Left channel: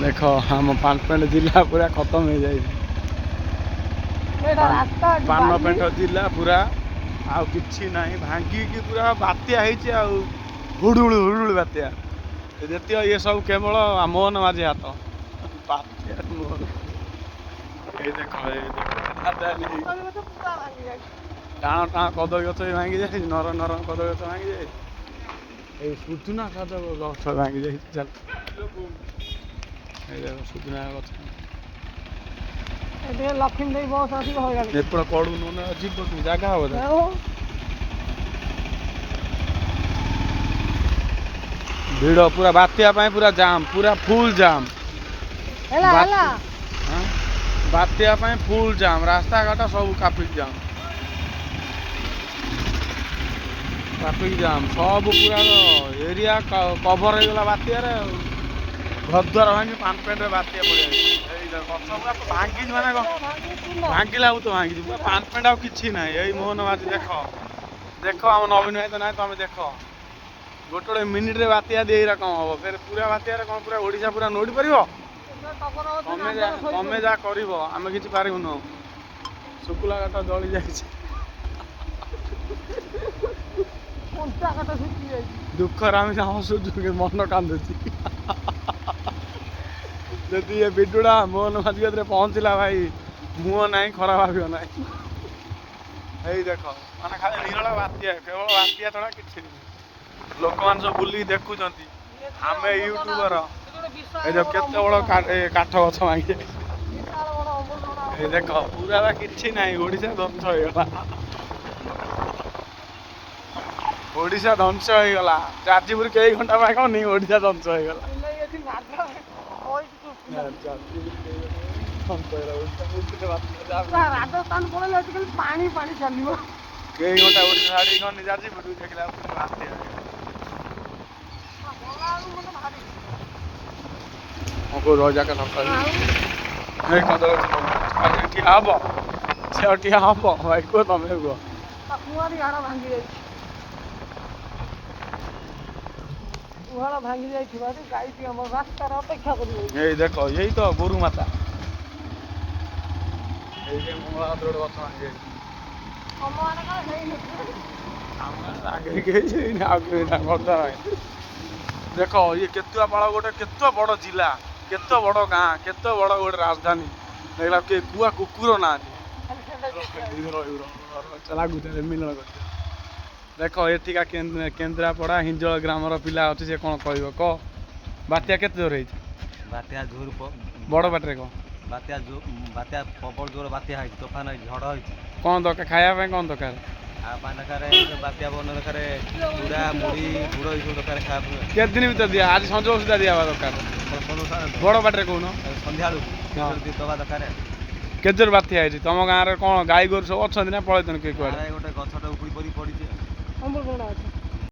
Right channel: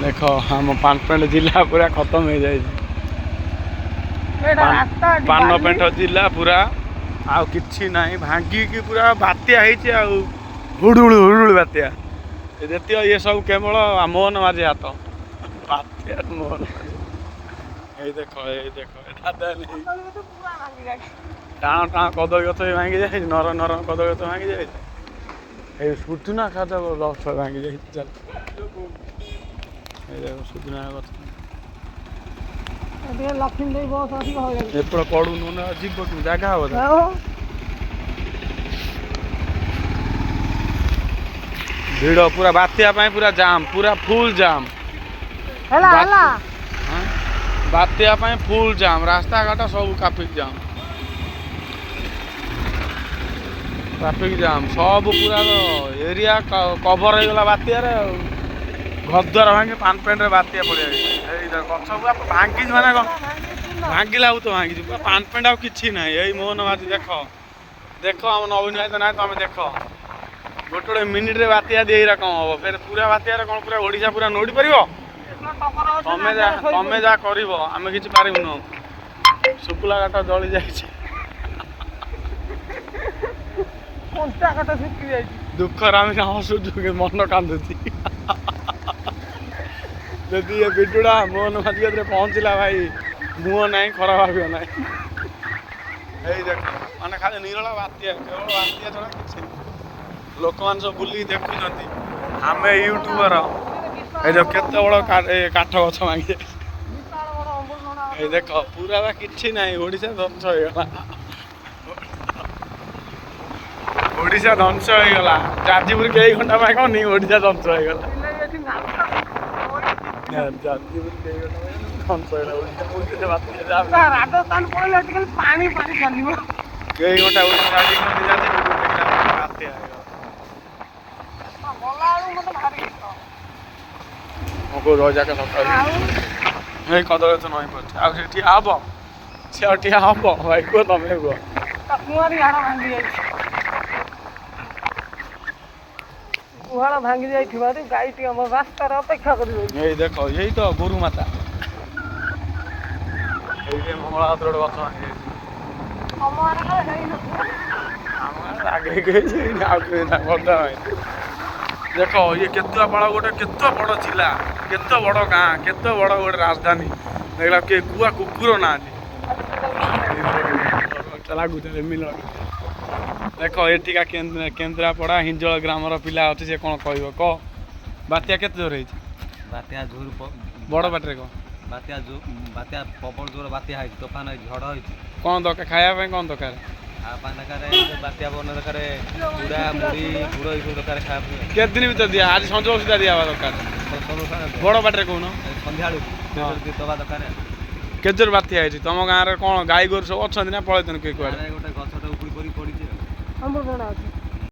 देख आम पानपेंट जिला पूरा खत्म हो जाए पानपेंट जिला पूरा आउ किछि नहीं भांगिकी पूरा बात्या हुड़ुड़ हुड़ुड़ बात्या देख ये सब केवल मोहन माझी हाथ बात्या मोहन ये देख टाण टाण कदली गछ भी भांगी जाए नरम नरम कदली गछ भांगी जाए सुधुना गछ भांगी जाए सुधुना गछ लक्ष्मी बस आसिक एपट कड़ू ना जीव तू जगह हो भिड़ पूरा बात्या पूरा जाम पूरा फुल जाम बात्या फुल जाम रास्ता घाट सब ट्राफिक जाम सब पूरा एरिया कभर हो गला बात्या घरद्वार भांगी पानपेंट बात्या पड़े गछ भांगी माने भांगिला तो भांगी पूरा पानपेंट आ कि ना यही मोहन माझी देख देख आम नवीन ना तुम देख गोटे गोटे मिनिट रे बात्या दे कम हम फिर पूरा बात्या कौन पूरा ओडिशा पूरा नोड़ी पार तमें जा कर आम कि पारूँ शुक्ला घाट जली जा दुखर आम हसुचु मन कांदुची जदि ये भिडुड़ा मोहन माझी पहुँचला भाई मुह ना खराब भाव ना देख मैंने खाली निरला बात्या केवल बात्या छड़ा कि लोक मान सब बुल देखुं आम यूट्यूबर ये केते बड़ काठ गछ भांगी देख पूरा कि ना ओडिशा ध्वंस हो ओडिशा ध्वंस हो गला जाजपुर कई घंटा पाई कौन ओडिशा ध्वंस हो गला जाजपुर कई घंटा ध्वंस हो गला राजस्थान पड़े पानी पानी चलो कई घंटा ओडिशा जाते को रह जाके नहीं कदल ठिया हम से ठिया हम भाई को तमें उहाड़ा भांगी जाई गाई हम रास्ता अपेक्षा कर देख यही तो गोरु माता मंगला गोटे गछ भांगी जाए देख ये केतुआ पाड़ गोटे केत बड़ जिला केत बड़ गाँ केत बड़ गोटे राजधानी देखला के कुआ कुकुर ना लगुच मिलन देख एठिका केन्द्रापड़ा हिंजल ग्रामर पिला अच्छे से कौन कह कह बात्या के जोर है बात्या जोर बड़ बाटे कह बात्या बात्या प्रबल जोर बात्या तोफान झड़ हो कौन दरकार खाया कौन दरकार दरकार बात्या बन दरकार चूड़ा मुड़ी गुड़ ये दरकार खाया के दिन भर दिया आज सज सुधा दिया दरकार बड़ बाटे कौन सन्ध्या दवा दरकार के जोर बात्या है तुम गाँव में कौन गाई गोरु सब अच्छा ना पलैन किए गोटे गछटा उपड़ी पड़ी पड़ी अमृतभंडा